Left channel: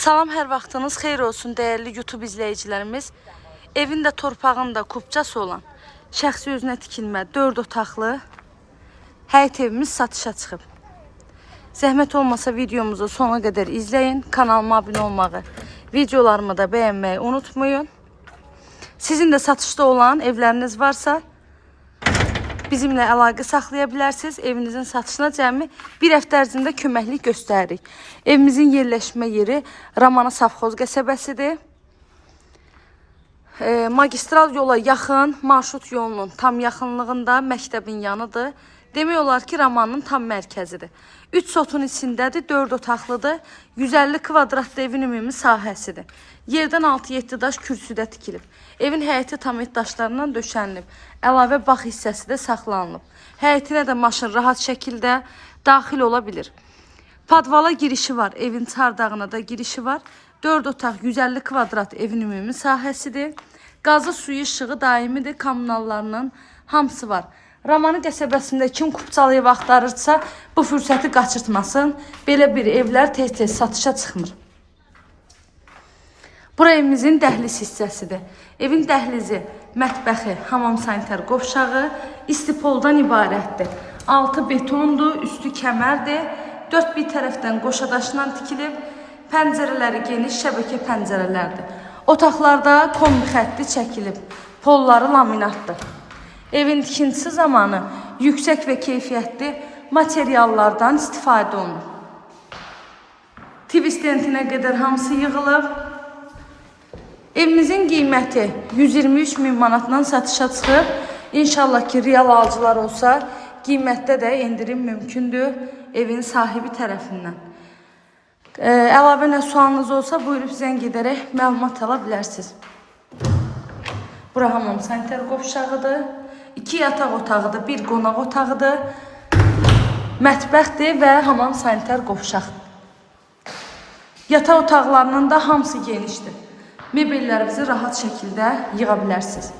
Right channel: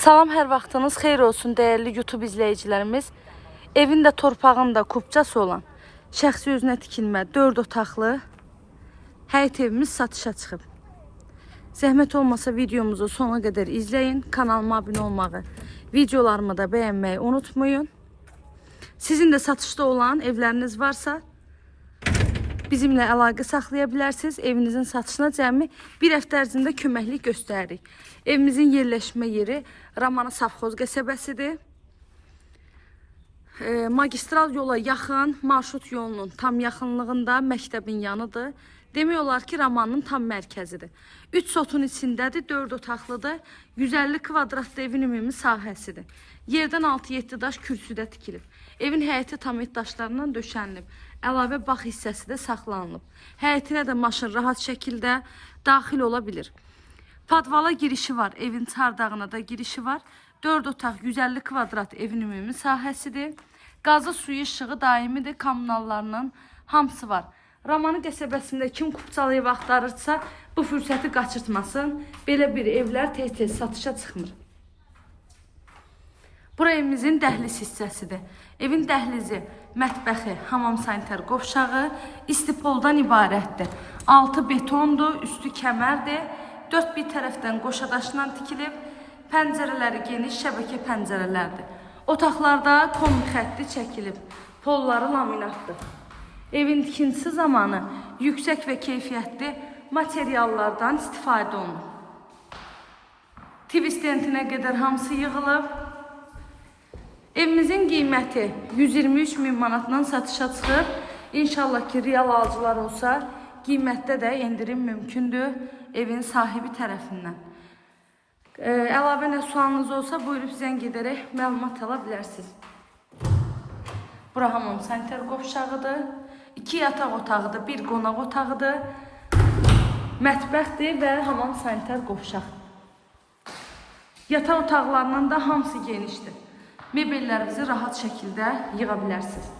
Salam, hər vaxtınız xeyir olsun dəyərli YouTube izləyicilərimiz. Evin də torpağın da kubcası olan şəxsi özünə tikilmə 4 otaqlı həyət evimiz satışa çıxıb. Zəhmət olmasa videomuzu sona qədər izləyin. Kanalıma abunə olmağı, videolarımı da bəyənməyi unutmayın. Sizin də satışda olan evləriniz varsa bizimlə əlaqə saxlaya bilərsiniz. Evinizin satışına cəmi bir həftə ərzində köməklik göstəririk. Evimizin yerləşmə yeri Ramana Safxoz qəsəbəsidir. Magistral yola yaxın, marşrut yolunun tam yaxınlığında, məktəbin yanıdır. Demək olar ki, Ramanın tam mərkəzidir. 3 sotun içindədir, 4 otaqlıdır. 150 kvadratlı evin ümumi sahəsidir. Yerdən 6-7 daş kürsüdə tikilib. Evin həyəti tam et daşlarından döşənilib. Əlavə bağ hissəsi də saxlanılıb. Həyətinə də maşın rahat şəkildə daxil ola bilir. Padvala girişi var, evin çardağına da girişi var. 4 otaq 150 kvadrat evin ümumi sahəsidir. Qazı, suyu, işığı daimidir, kommunallarının hamısı var. Ramanı qəsəbəsində kim kupçalayıb axtarırsa, bu fürsəti qaçırtmasın. Belə bir evlər tez-tez satışa çıxmır. Bura evimizin dəhliz hissəsidir. Evin dəhlizi, mətbəxi, hamam sanitar qovşağı, istipoldan ibarətdir. Altı betondur, üstü kəmərdir. 4 bir tərəfdən qoşadaşla tikilib, pəncərələri geniş şəbəkə pəncərələrdir. Otaqlarda kombi xətti çəkilib, polları laminatdır. Evin tikintisi zamanı yüksək və keyfiyyətli materiallardan istifadə olunur. Tivis dentinə qədər hamısı yığılıb. Evimizin qiyməti 123 min manatdan satışa çıxıb. İnşallah ki, real alıcılar olsa, qiymətdə də endirim mümkündür evin sahibi tərəfindən. Əlavə nə sualınız olsa, buyurub zəng edərək məlumat ala bilərsiniz. Bura hamam sanitar qovşağıdır. 2 yataq otağıdır, 1 qonaq otağıdır. Mətbəxdir və hamam sanitar qovşaq. Yataq otaqlarının da hamısı genişdir. Mebellərinizi rahat şəkildə yığa bilərsiniz.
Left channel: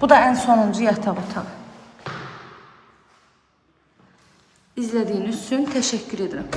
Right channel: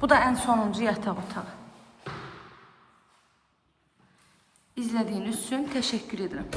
Bu da ən sonuncu yataq otağı. İzlədiyiniz üçün təşəkkür edirəm.